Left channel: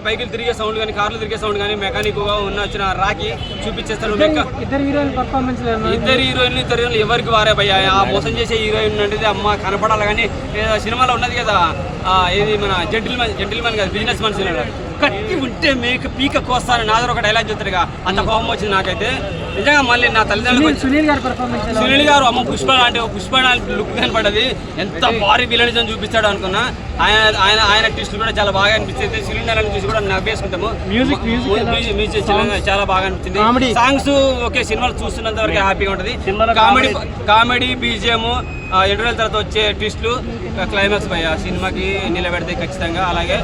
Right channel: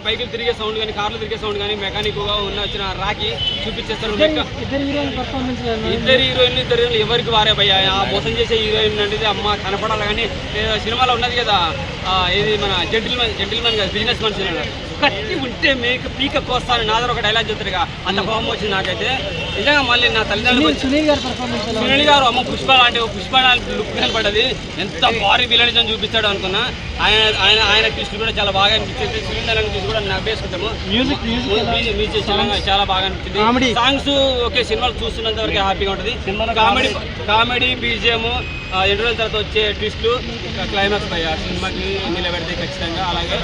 బైకులు తిరిగే సౌండ్ కానీ కార్లు తిరిగే సౌండ్ కానీ మెకానిక్గా ఉన్న వచ్చిన రాకి చూపించేస్తాడు మెక్క- ఇద్దరు హీరోయిన్ పర్ఫార్మెన్స్ ఇద్దరు హీరోయిన్లు ఇద్దరు హీరోయిన్లు ఎవరికి వారే భయ్యా? ఆ మోసం చేసే హీరోయిన్ అంటే అమ్మ కనపడాలి కానీ సినిమాలో ఉన్నది కదా ఆ, ఏది మన జెంటిల్మెన్ జెంటిల్మెన్ కదా బిజినెస్ మనిషి కత్తి ఉంటే మీకు పీక కోస్తాను నా దగ్గర ఒక డైలాగ్ చెప్తాడుగా. అంత కోపం వచ్చింది నాకైతే. నిజంగా మళ్ళీ నా తల్లిదండ్రులు సునీల్ గారి పర్ఫార్మెన్స్ సునీల్ గారు అమ్మ పుష్ప అంటే పుష్ప లుక్ కనపడ్డది ఎంత భారీ విలనిజం చూపిస్తాడు అనుకున్నా. ఆయన ఆయన ఆయన ట్విస్ట్ కూడా చాలా బాగా అనిపించింది. సునీల్ గారిని చూసి కూడా నవ్వేసుకుంటాము? మ్యూజిక్ మ్యూజిక్ చాలా- బాగా. అనిపించింది. సాంగ్స్ ఓకే సినిమాలు చూస్తున్నంత వరకు హ్యాపీగా ఉంటుంది. కామెడీ కామెడీ బీజిఎం ఇంటర్వెల్ తర్వాత వచ్చే ట్విస్ట్లు క్లైమాక్స్ పై ఆ సినిమాకి నిలబెడితే ఖచ్చితంగా అలాగే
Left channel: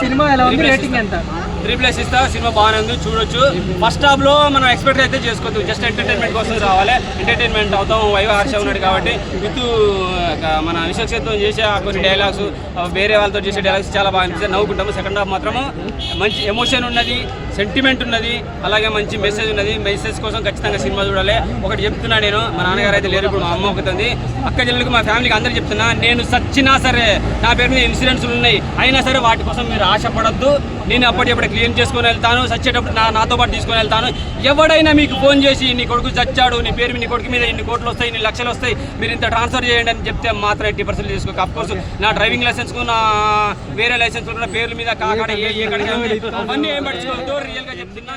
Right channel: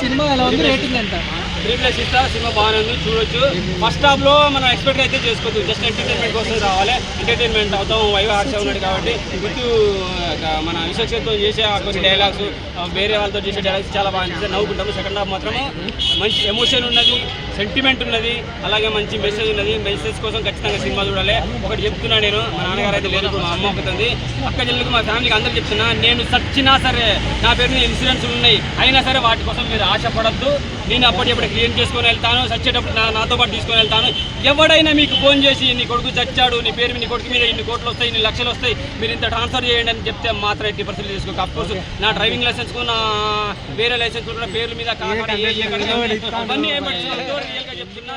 సినిమా ఎలా ఉంది? రేటింగ్ ఎంత? రీప్లేస్ ఇస్తా సినిమా బాగానే ఉంది చూడొచ్చు. ఫస్ట్ స్టాప్లో మనం ఎక్స్పెక్ట్ అయితే చేసుకోవచ్చు. జస్ట్ ఎంటర్టైన్మెంట్ కోసం రావాలి. ఎంటర్టైన్మెంట్ అవుతాం వైవ హర్ష ఉన్నాడు కాబట్టి. విత్ మన విశ్వక్షేత్రం చేసే ఆ కొన్ని డైలాగ్స్ వేరే వాళ్ళతో చేసే డైలాగ్స్ చాలా బాగా అనిపిస్తాయి. నవ్వుకుంటాము. సెకండ్ హాఫ్ మాత్రము మంచి ఎమోషన్ ఉన్నది. సెంటిమెంట్ ఉన్నది అలాగే మంచి మెసేజ్ ఉన్నది. మెసేజ్ కోసం ఖచ్చితంగా సినిమా చూడాలి. ఒకటి చెప్తున్నా నేను మా నాన్నగారు అయితే లేదు ఇప్పుడు మా అమ్మ ఒకతుంది అక్క చెల్లెలకు మా ఫ్యామిలీకి అందరికి చెప్తున్నా నేను సచ్చినా సరే నా పేరు మీద ఇన్సూరెన్స్ ఉన్నాయి. అయినా సరే వాటి కోసం మీరు ఆశపడద్దు. నేను అప్పటికప్పుడు క్లియర్ చేసుకొని వెళ్తాను చచ్చేటప్పుడు నా నాతో పాటు తీసుకొని వెళ్తాను. ఎవడైనా మీకు ఫోన్ చేసి నీ కొడుకు చచ్చాడు నీ పేరు నీ కొడుకు మీద ఇన్ని కోట్లు వస్తాయి ఇన్ని లక్షలు వస్తాయి మీరు ఇంత ట్రాన్స్ఫర్ చేయండి అని చెప్తే మాత్రం ఎట్టి పర్సెంట్ చేసుకోక. అఫ్కోర్స్ నా డ్రైవింగ్ లైసెన్స్ నా వేరే లైసెన్స్ పేర్ల మీద కాకాడ ఏ ఏ అవన్నీ ఏం పట్టించుకోవద్దు రియల్గా చెప్తున్నా